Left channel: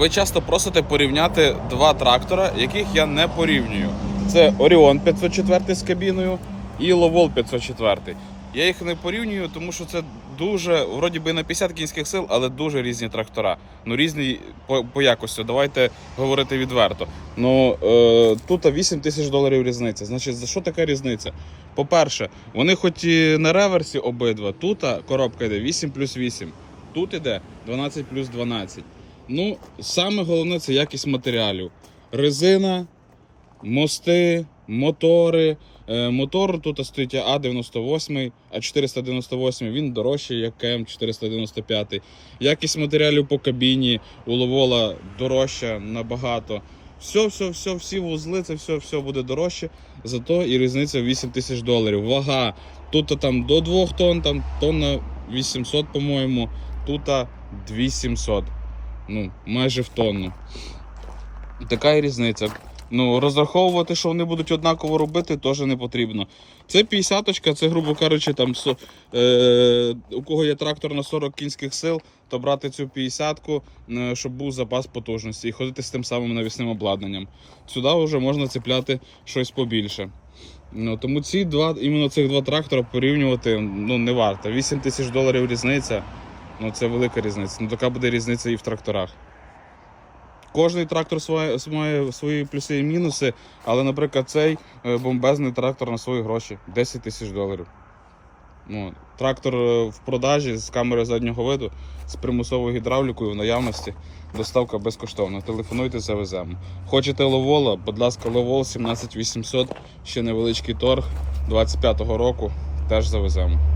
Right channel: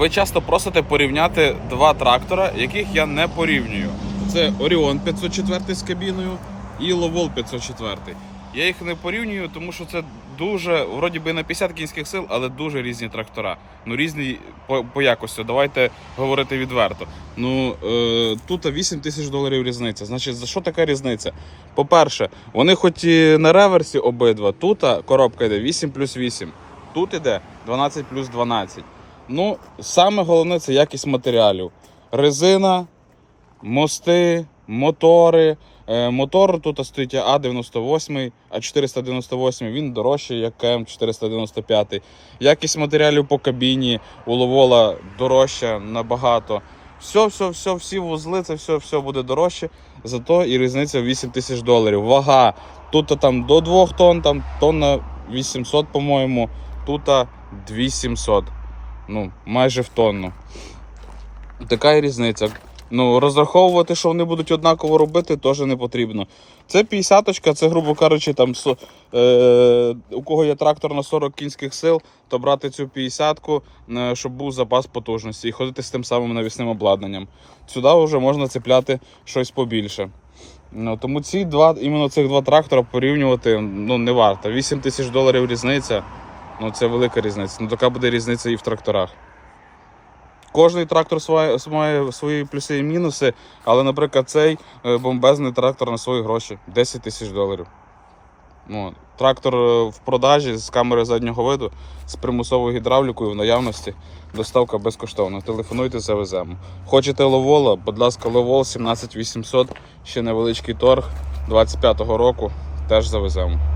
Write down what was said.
Ви часто просите порівняти два трактора, яких я не порівнюю. Це Orion 504 з кабіною і Lowol 504. Я їх не порівнюю, тому що це дуже, вроді би на 50 кінських сил, але дуже різні трактора. Ну різні по, по якості. Давайте говорити відверто. Ну е, тут 8 тисяч доларів різниця. Значить, за що така різниця? По-перше, вони хоч і на реверсі обидва, тут коробка йде 8 плюс 8, тут іде 12 плюс 12. Ну, саме головне це якість матеріалів. Резина, мости, мотори. Е, Мотор тут стоїть А98, А498, він дорожчий, як КМ495. Якість матеріалів по кабіні у Ловола дорожча набагато. Все, все, все, всі вузли, це все, все буде дорожче. Зато і різниця 8 тисяч доларів. Вага. Тут там до 2 тонн, там тонна 800, по-моєму, тут 2700. Ну, майже в тонну. Така і різниця. Ну, розраховувати, що вони будуть однаково робити, теж не потрібно. Це 50-очка, це, грубо кажучи, там, е, у кого є трактор на 40 кінських сил, то брати цю 50-ку, е, щоб був запас потужності і ходити з тим самим навісним обладнанням. Сюди вже можна цепляти щось побільше. Ну, тому ці два, іменно цих два трактора порівнювати ну, не варто. 8 тисяч доларів різниця, ну це велика різниця. Ну така буде різниця і в тракторах. Кожний трактор має свої плюси і мінуси, але, наприклад, цей е, бомбезний трактор на свої гроші 10 тисяч доларів. Ну, трактор е, в продажі з камери заднього виду, з примусовою гідравлікою в наявності. Доставка безкоштовна. Телефонуйте, завеземо. Хочете ловола? Будь ласка, ловол 17800, ще невеличкий торг 25-го року. Теж завеземо.